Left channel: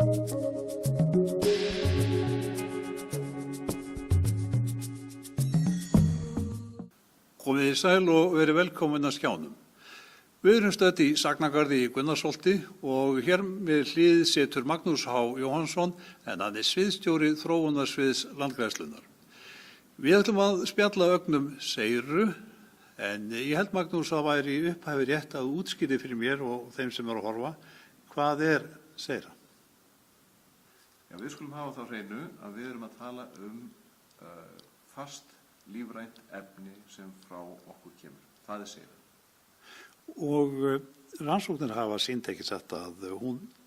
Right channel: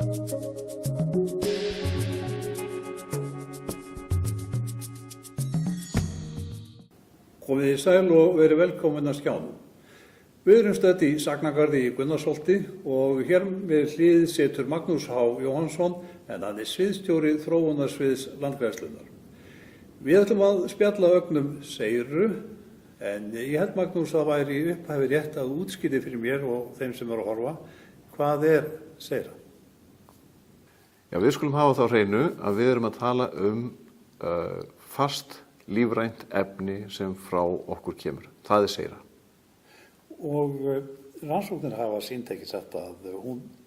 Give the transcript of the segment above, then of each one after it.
Komið í sæl og verið velkomin að skjánum. Við erum stödd í Sagnagarði í Gunnarsholti og hér við hlið situr Magnús H. Jóhannsson en hann er sviðsstjóri þróunarsviðs Landgræðslunnar. Við ætlum að spjalla ögnum seiru en ég held Magnús að væri upphæfi rétt að útskýri fyrir mér og þeim sem eru að horfa. Hvað er seira? Já, við skulum hafa þá hreinu að við erum að tala fast lífrænt efni sem frá okkur kemur. Það er seira. Og rannsóknir hafa sýnt ekki sett að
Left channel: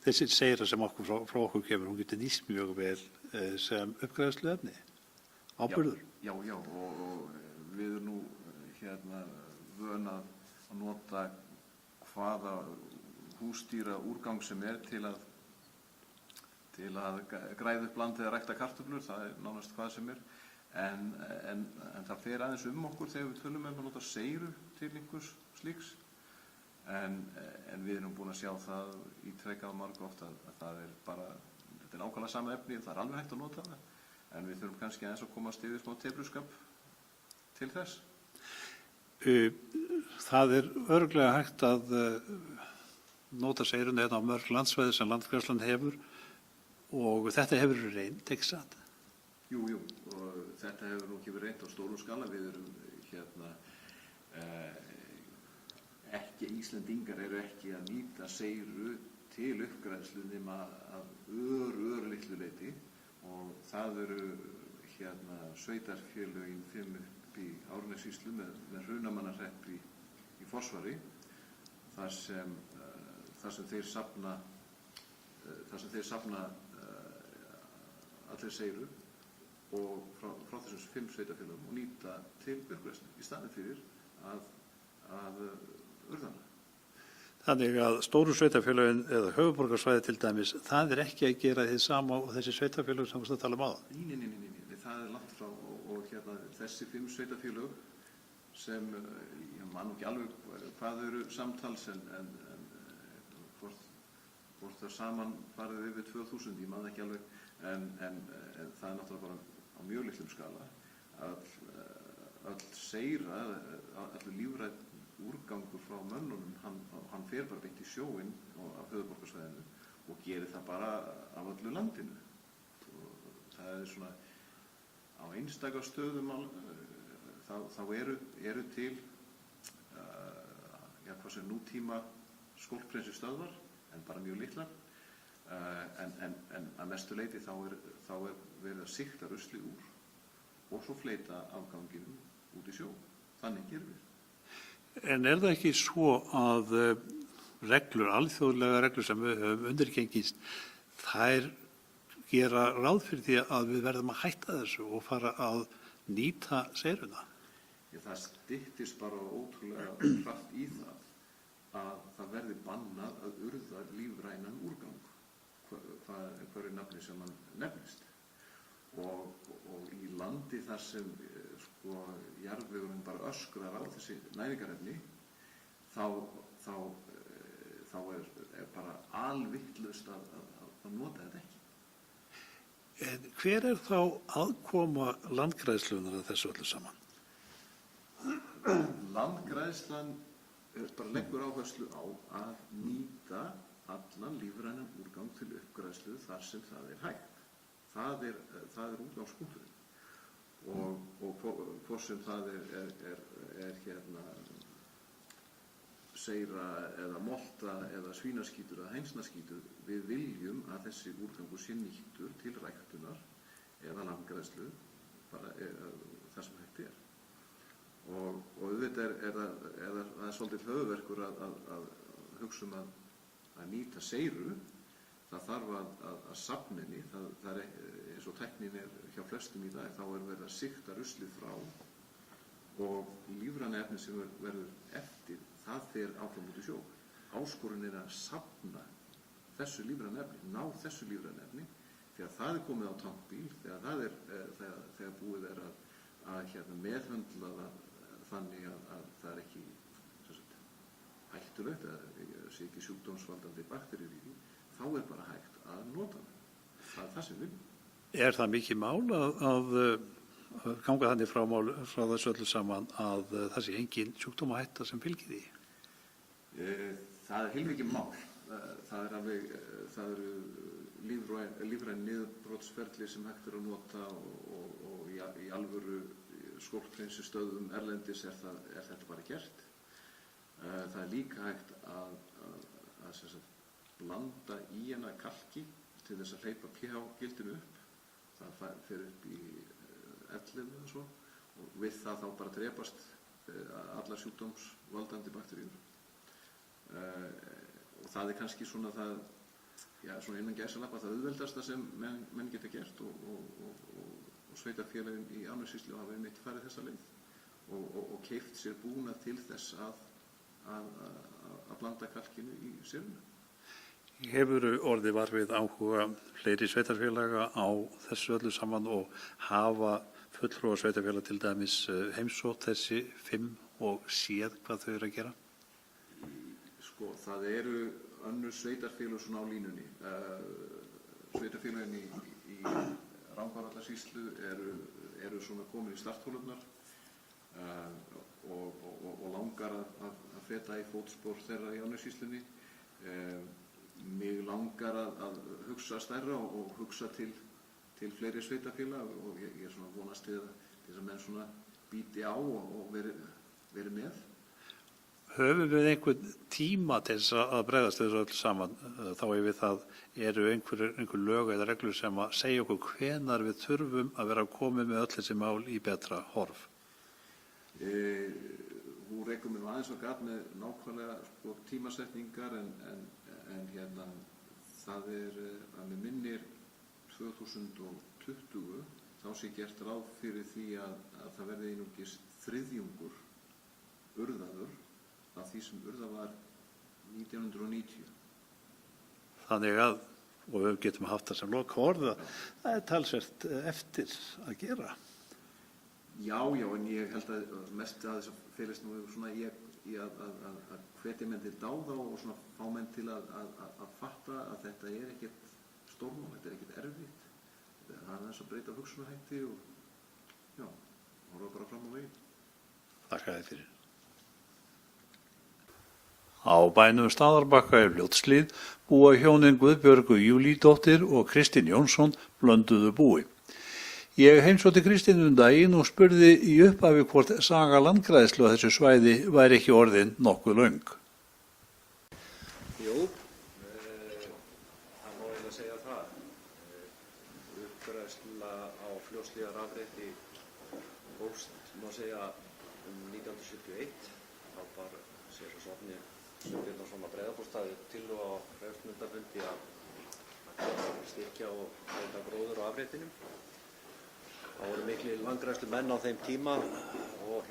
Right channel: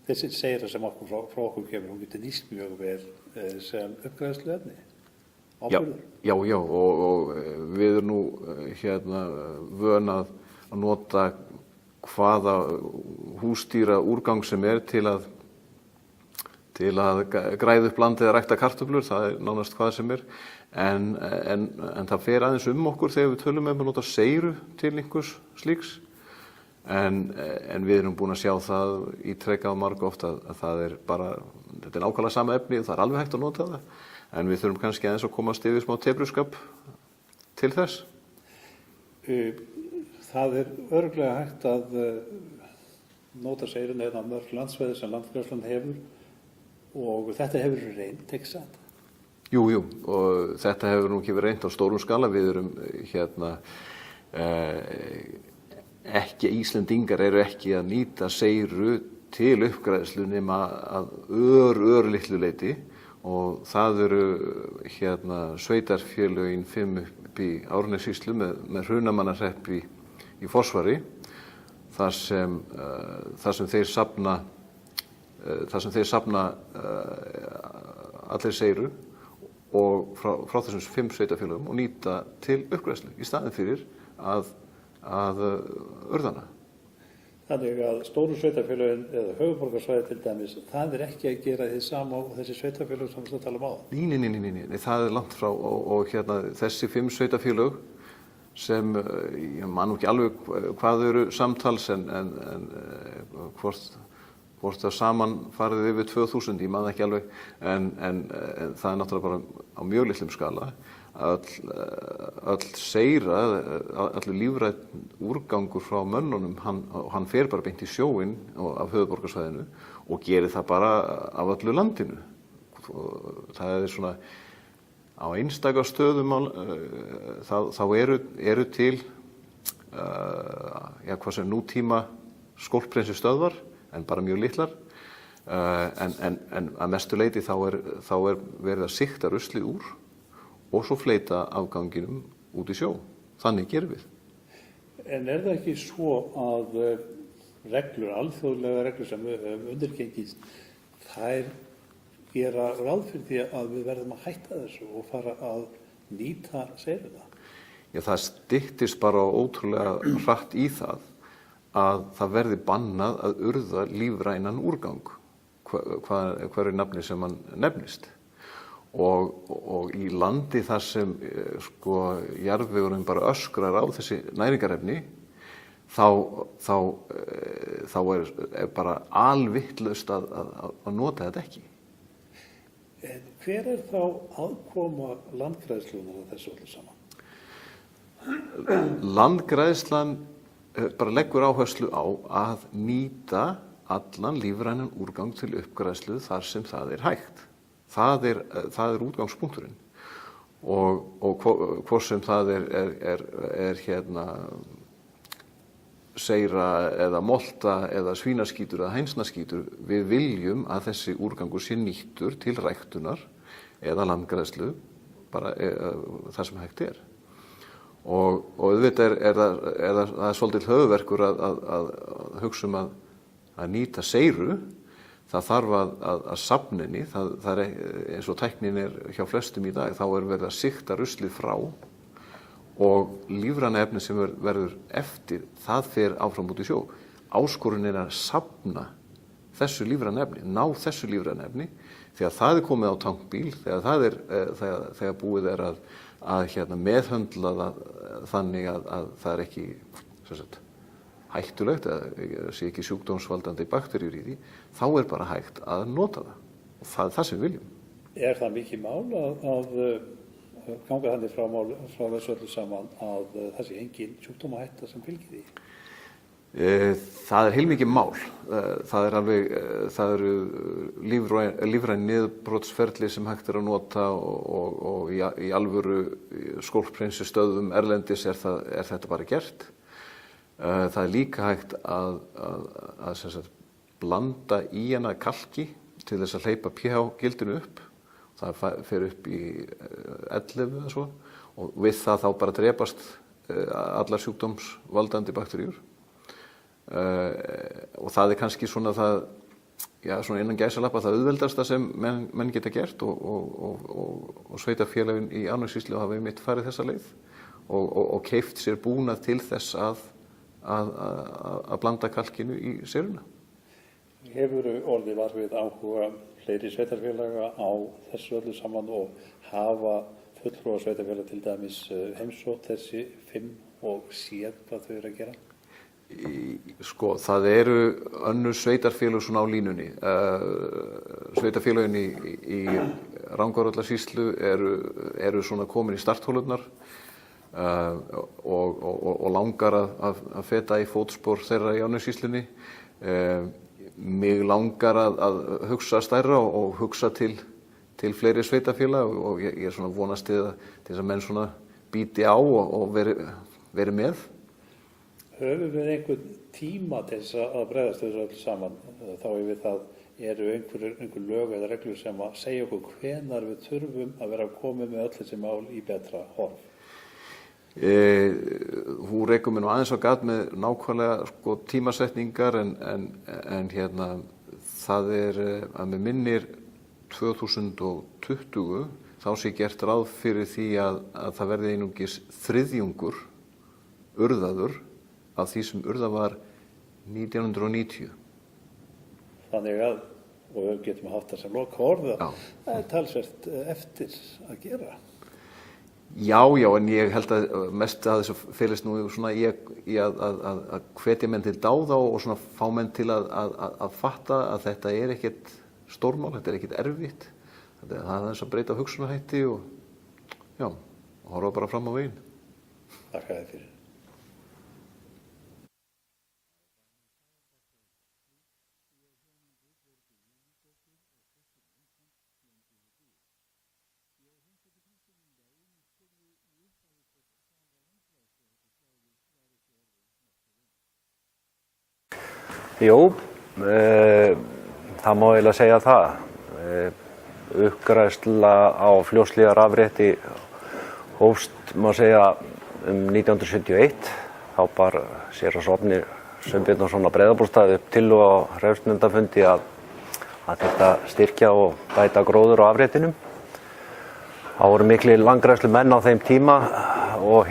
þessi seira sem frá okkur kemur, hún getur nýst mjög vel sem uppgræðsluefni, áburður. Já, og við erum nú vön að nota hvaða húsdýra úrgang sem er til að græða upp landið eða rækta kartöflur, það er nánast hvað sem er. En það fer aðeins okkur þegar við tölum að nota seiru til einhvers slíks. En við erum búin að sjá það ítrekað margoft að það er bara, þetta er nákvæmlega sama efni, það er alveg hægt að nota það. En við þurfum kannski aðeins að komast yfir smá tepruskap til þess. Það er örugglega hægt að nota seiruna á mörg landsvæði sem Landgræðslan hefur og þetta hefur reynt, ekki satt? Jú, og þetta hefur nú ekki verið reynt á stórum skala. Við erum Íslendingar eru ekki að nýta seiru til uppgræðslu nema að örlitlu leyti og það eru sveitarfélögin 5 upp í Árnessýslu með Hrunamannahrepp í Fossvogi þar sem þeir safna allir seiru og frá þessum 5 sveitarfélögum og nýta til uppgræðslu í staðinn fyrir að urðana. Þannig að stóru sveitarfélögin eða höfuðborgarsvæði til dæmis, það er ekki að gera þið sama á þessi sveitarfélög sem við tala á. Nei, það er langt frá og þessi 5 sveitarfélög sem, ég man nú ekki alveg hvað eru samtals en hvort það saman farið yfir 2000, ég man ekki alveg, en það er náttúrulega bara á mjög litlum skala. Öll seira, allur lífrænn úrgangur frá mönnunum, hann fer bara beint í sjóinn af höfuðborgarsvæðinu og gerir það bara af öllu landinu. Það er svona, á einstaka stöðum þá eru til, hvað sem nútíma skólphreinsi-stöðvar, en bara mjög litlar. En að mestu leyti þá er verið að sigta ruslið úr og svo fleyta afganginum út í sjó. Þannig gerum við. En er það ekki svo að reglur, alþjóðlega reglur sem við höfum undirgengist, þær gera ráð fyrir því að við verðum að hætta þessu og fara að nýta seiruna? Já, það styttist bara ótrúlega hratt í það að það verði bannað að urða lífrænan úrgang, hverju nafni sem hann nefnist. Og í landi þar sem jarðvegurinn bara öskrar á þessi næringarefni, þá er bara alvitlaust að nota þetta ekki. En hver er þá aðkoma Landgræðslunnar að þessu öllu saman? Landgræðslan bara leggur áherslu á að nýta allan lífrænan úrgang til uppgræðslu þar sem það er hægt. Það er útgangspunkturinn og hvort sem það er seira eða molta eða svínaskítur eða hænsnaskítur, við viljum að þessi úrgangur sé nýttur til ræktunar eða landgræðslu, bara það sem hægt er. Og auðvitað það er svolítið höfuðverkur að hugsa að nýta seiru. Það þarf að safninni, það er eins og tæknin er hjá flestum í dag, þá er verið að sigta ruslið frá og lífræna efni sem verður eftir, það fer áfram út í sjó. Áskorun er að safna þessu lífræna efni, ná þessu lífræna efni, þegar það er komið á tankbíl, þegar búið er að meðhöndla það þannig að það er ekki hættulegt eða sé ekki sjúkdómsvaldandi bakteríur í því, þá bara hægt að nota það. Og það er það sem við viljum. Er það mikið mál að ganga þannig frá þessu öllu saman að það sé engin sjúkdómahætta sem fylgir því? Það er heilmikið mál. Það eru lífræn niðurbrotsferli sem hægt að nota og í alvöru skólphreinsustöðvum erlendis er þetta bara gert. Það er líka hægt að sem sagt, blanda í hana kalki til þess að hleypa pH-gildinu upp. Það fer upp í 11 eða svo og við það þá bara drepast allar sjúkdómsvaldandi bakteríur. Og það er kannski svona svona innan gæsalappa það auðveldasta sem menn geta gert og sveitarfélögin í Árnessýslu hafa einmitt farið þessa leið og keypt sér búnað til þess að blanda kalkinu í séruna. Hefur orðið var við áhuga fleiri sveitarfélaga á þessu öllu saman og hafa fulltrúar sveitarfélaga til dæmis heimsótt þessi 5 og séð hvað þau eru að gera? Sko, það eru önnur sveitarfélög svona á línunni. Sveitarfélögin í Rangárvallasýslu eru svona komin í starthólurnar og langar að feta í fótspor þeirra í Árnessýslunni. Mig langar að hugsa stærra og hugsa til fleiri sveitarfélaga og ég er svona vonast til þess að menn svona bíti á og veri með. Höfum við einhvern tíma til þess að bregðast þessu öll saman? Þá við það eru einhver lög eða reglur sem að segja okkur hvenar við þurfum að vera komið með öll þessi mál í betra horf? Þú rekur mér nú aðeins á gat með nákvæmlega tímasetningar en hérna það að með minnir 2020 þá sé gert ráð fyrir því að það verði einungis þriðjungur urðaður af því sem urðað var 1990. Þannig að, og við getum haft það sem loka orð, það er talsvert eftir að gera. Já, en ég held að mest að þessu felist nú svona í að hvetja menn til dáða og svona fá menn til að fatta að þetta er ekkert stórmál, þetta er ekkert erfitt. Það er aðeins að breyta hugsunarhætti og horfa bara fram á veginn. Takk fyrir. Á bænum Staðarbakka í Fljótshlíð búa hjónin Guðbjörgu Júlídóttir og Kristinn Jónsson blönduðu búi. Ég heimsótti Kristinn daginn og spurði í upphafi hvort saga landgræðslu á þessu svæði væri ekki orðin nokkuð löng. Jú, það má eiginlega segja það. Uppgræðsla á Fljótshlíðarafrétti hófst, má segja, 1971. Þá bar séra Sofnir Sveinbjörnsson á Breiðabólstað upp tillögu á hreppsnefndarfundi að þetta styrkja og bæta gróður á afréttinum. Það voru miklir landgræðslumenn á þeim tíma og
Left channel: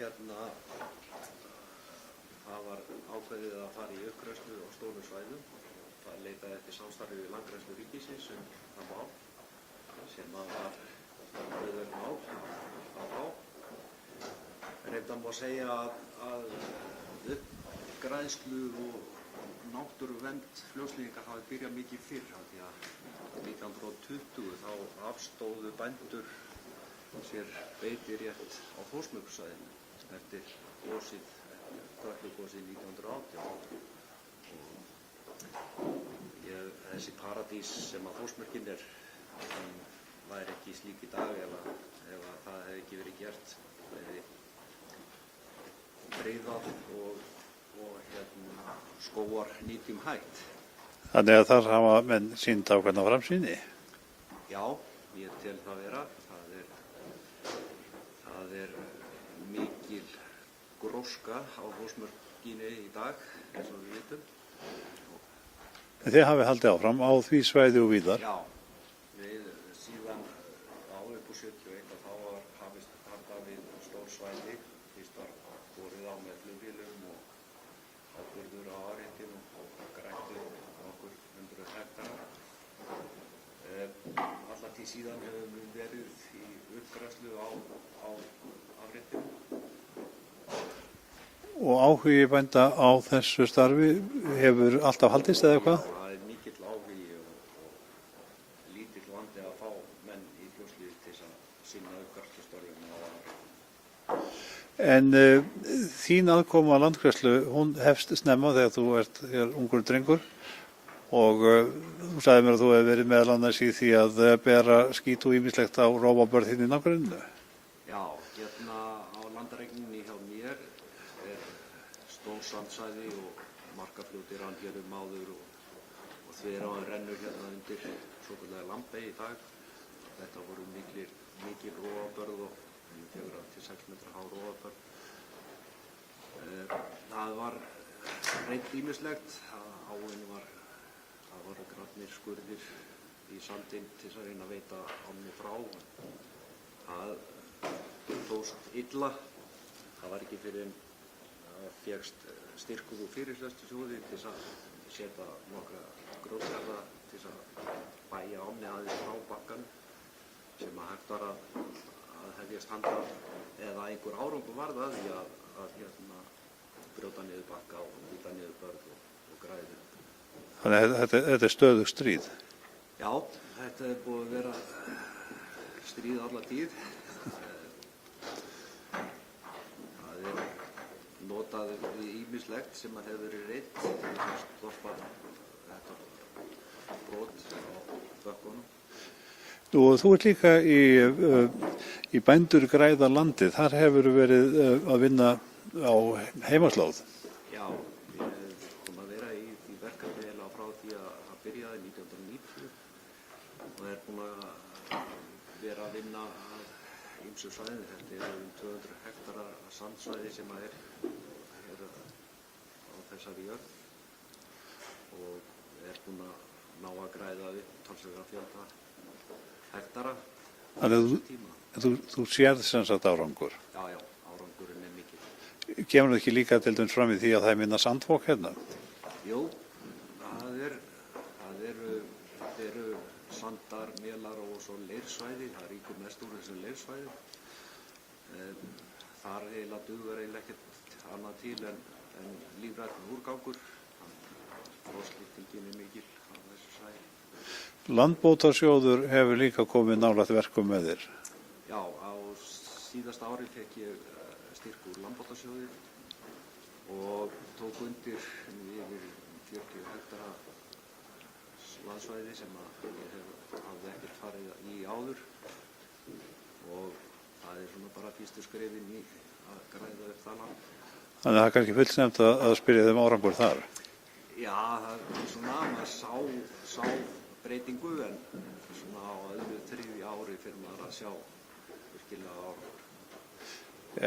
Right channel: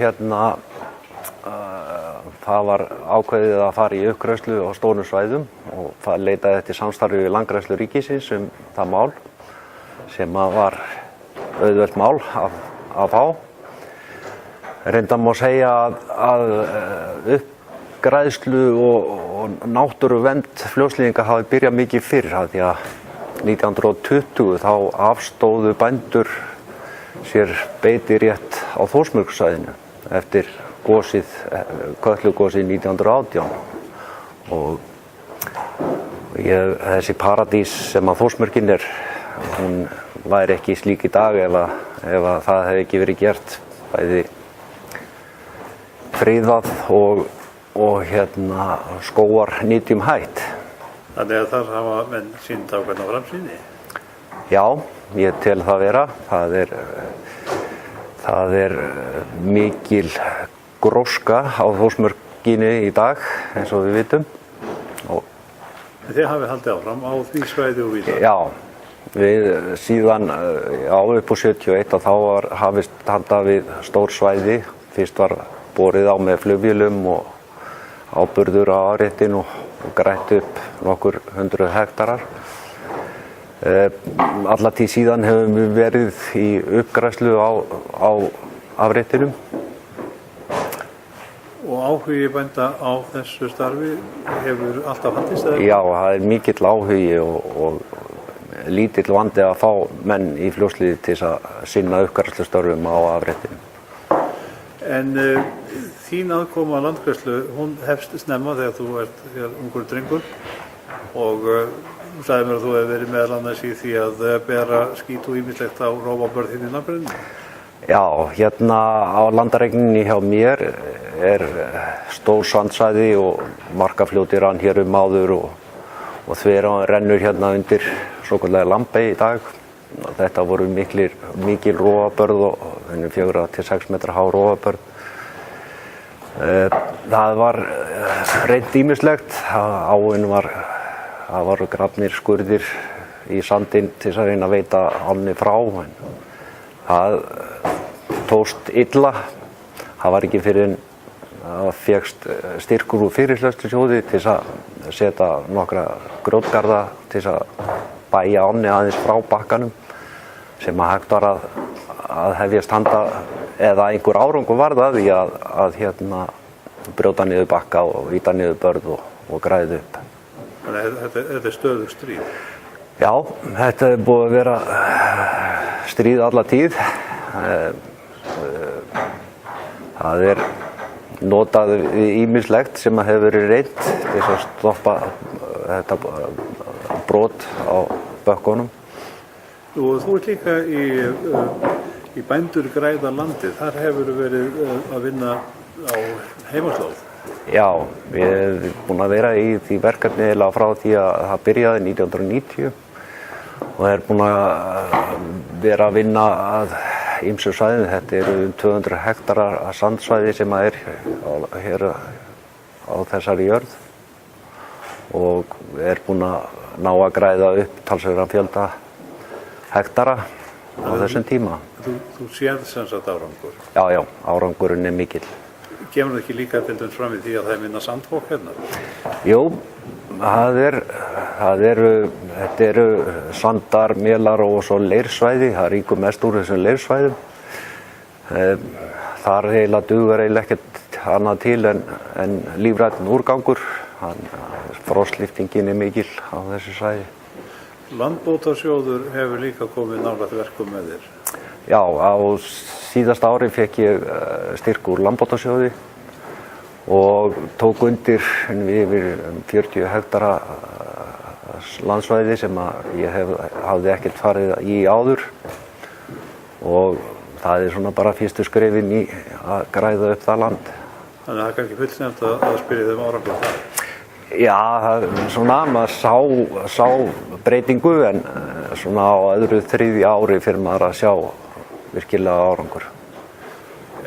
það var ákveðið að fara í uppgræðslu á stórum svæðum og það leitaði eftir samstarfi við Landgræðslu ríkisins það mál sem var auðvelt mál að fá. Reyndar má segja að uppgræðslu og náttúruvernd Fljótshlíðinga hafi byrjað mikið fyrr því að 1920 þá afstóðu bændur sér beitirétt á Þórsmörkusvæðinu eftir Kötlugosið 1918 og þessi paradís sem að Þórsmörkin hún væri ekki slík í dag ef að það hefði ekki verið gert bæði friðað og skógar nýtjum hætt. Þannig að það hafa menn sýnt ákveðna framsýni? Já, ég tel það vera. Það er mikil gróska á Þórsmörkinni í dag, eins og við vitum. Þið hafið haldið áfram á því svæði og víðar? Já, við síðan upp á 71 og þá var hafist handa við stór svæði. Fyrst var borið á með flugvélum og áburður á afréttin og grætt upp nokkur 100 hektarar. Alla tíð síðan hefum við verið í uppgræðslu á afréttinum. Og á áhugi bænda á þessu starfi hefur alltaf haldist eða? Já, það er mikill áhugi og lítill vandi að fá menn í Fljótshlíð til að sinna uppgræðslustörfum á afréttinu. En þín aðkoma að landgræðslu, hún hefst snemma þegar þú ert hér ungur drengur og þú sagði mér að þú hefur verið meðal annars í því að bera skít og ýmislegt á rófabörð þín í nágrenninu. Já, hérna á landareigninni hjá mér er stór sandsvæði og Markafljóti rann hér áður og Þverá rennur hérna undir svokallaða Lambey í dag. Þetta voru mikil rófabörð og 4 til 6 metra há rófabörð. Það var reynt ýmislegt, áin það voru grafnir skurðir í sandinn til að reyna að veita ánni frá. En það tókst illa. Það var ekki fyrir en það fékkst styrkur úr Fyrirhleðslusjóði til að setja nokkra grjótgarða til að bæja ánni aðeins frá bakkanum sem að hægt var að hefjast handa eða einhver árangur varð að því að brjóta niður bakka og ýta niður börð og græða upp. Þannig að þetta er stöðugt stríð? Já, þetta er búið að vera stríð alla tíð. Það er notað ýmislegt sem að hefur verið reynt til að stoppa þetta brot á bökkunum. Og þú ert líka í Bændur græða landið. Þar hefur verið að vinna á heimaslóð. Já, ég hef búin að vera í því verkefni frá því að það byrjaði 1990 og er búin að vera að vinna að ýmsum svæðum. Þetta eru 200 hektarar af sandsvæði sem er hér á þessari jörð og er búin að ná að græða upp talsverðan fjölda hektara á þessum tíma. Þú sérð sem sagt árangur? Já, árangurinn er mikill. Kemur það ekki líka til dæmis fram í því að það er minna sandfólk hérna? Jú, þetta eru sandar, mélar og svo leirsvæði. Það ríkur mest úr þessum leirsvæðum. Þar eiginlega dugar ekkert annað til en lífrænn úrgangur. Frostlyftingin er mikil á þessu svæði. Landbótasjóður hefur líka komið nálægt verkum með þér? Já, á síðasta ári fékk ég styrk úr Landbótasjóði og tók undir yfir 40 hektara landsvæði sem ég hafði ekkert farið í áður og það er svona bara fyrstu skrefin í að græða upp það land. Þannig að það er kannski fullsnefnt að spyrja þeim árangur þar? Já, svona maður sá breytingu en svona á öðru þriðja ári fyrir maður að sjá virkilega árangur.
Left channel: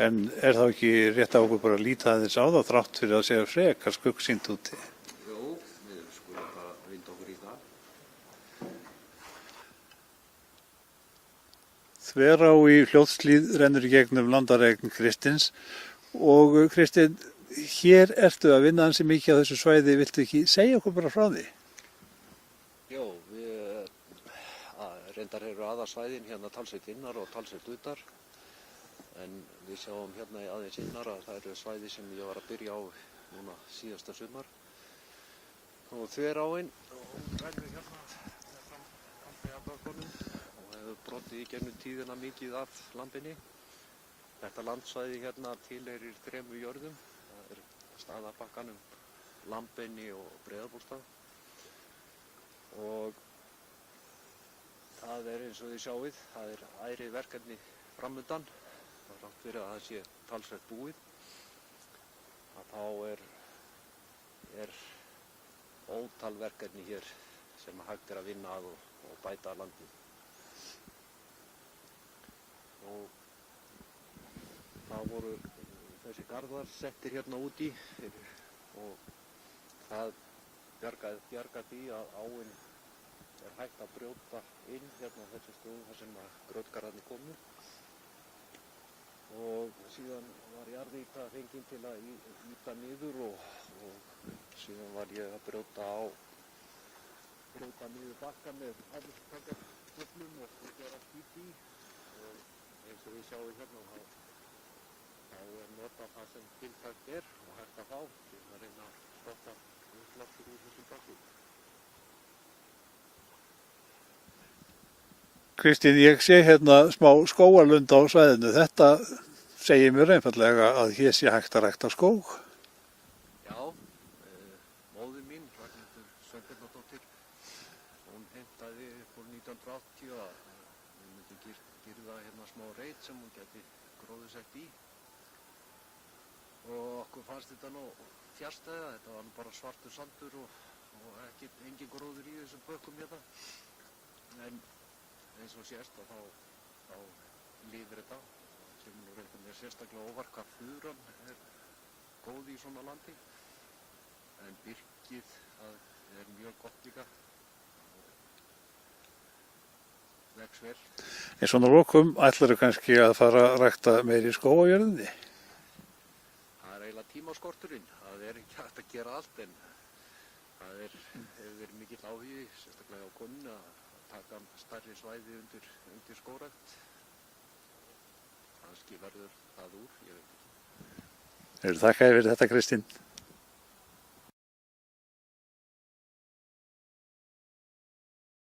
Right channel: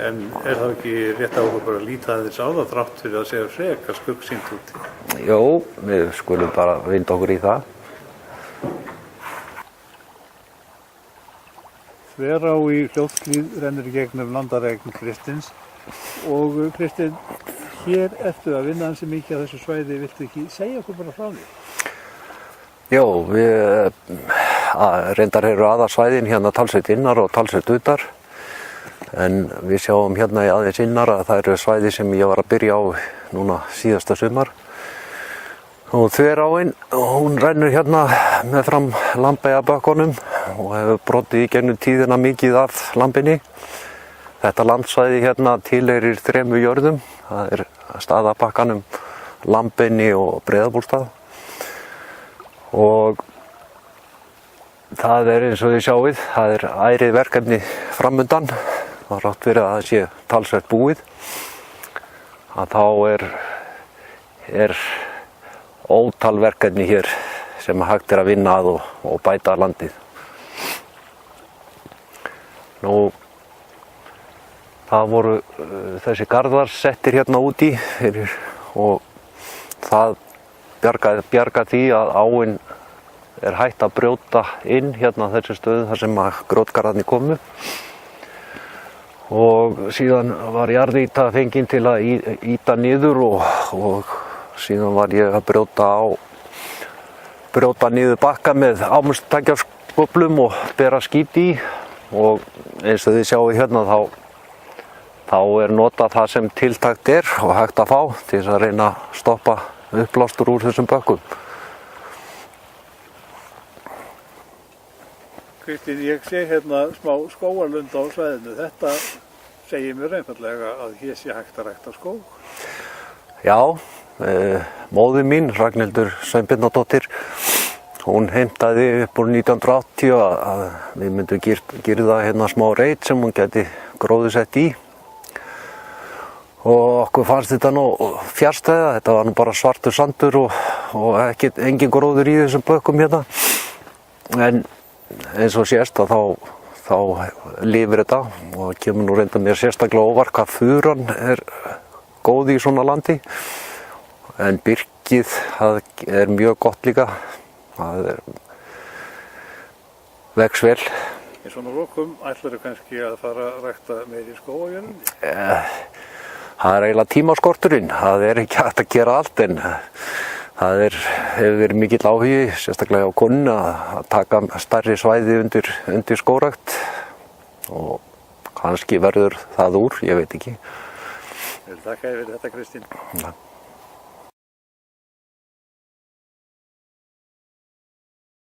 En er það ekki rétt af okkur að líta aðeins á það þrátt fyrir að segja frekar skuggsýnt út? Jó, við skulum bara vinda okkur í það. Þverá í Fljótshlíð rennur í gegnum landareign Kristins og Kristinn, hér ertu að vinna ansi mikið á þessu svæði, viltu ekki segja okkur bara frá því? Jó, við reyndar eru aðalsvæðin hérna talsvert innar og talsvert utar en við sjáum hérna í aðeins innar að það eru svæði sem ég var að byrja á núna síðasta sumar. Og Þveráin, hún rennur hérna með fram Lambeyjabökkunum og hefur brotið í gegnum tíðina mikið af lambinni. Þetta landsvæði hérna tilheyrir 3 jörðum. Það er Staðabakkanum, Lambeyni og Breiðabólstað. Og það er eins og þið sjáið, það er ærið verkefni framundan. Það er rátt verið að það sé talsvert búið. Að þá er ótal verkefni hér sem hægt er að vinna að og bæta landið. Nú, það voru þessi garðar settir hérna úti og það bjargaði því að áin er hægt að brjóta inn hérna þessi stöðu þar sem að grjótgarðarnir komu. Og síðan var jarðýta fengin til að ýta niður og síðan var ég að brjóta niður bakka með ámustækjaskóflum og bera skít í og eins og þið sjáu hérna þá þá notað það sem tiltækt og hægt að fá til þess að reyna að stoppa uppblástur úr þessum bökkum. Kristín, ég sé hérna smá skógarlund á svæðinu. Þetta segir mér einfallega að hér sé hægt að rækta skóg. Já, móðir mín, Ragnhildur Sveinbjarnardóttir, hún heimtaði upp úr 1980 að við myndum girða hérna smá reit sem hún gæti gróðursett í. Og okkur fannst þetta nú fjarstæða, þetta var nú bara svartur sandur og engin gróður í þessum bökkum hérna. En eins og sést að þá lifir þetta og kemur nú reynda mér sérstaklega óvart hvað furan góð í svona landi. En birkið það mjög gott líka, það vex vel. Í svona lokum ætlarðu kannski að fara að rækta meiri skóg á jörðinni? Það eiginlega tímaskorturinn, það ekki hægt að gera allt en það hefur verið mikill áhugi, sérstaklega á konunni að taka stærri svæði undir skógrækt og kannski verður það úr, ég veit ekki. Þakka þér fyrir þetta, Kristín. Ja.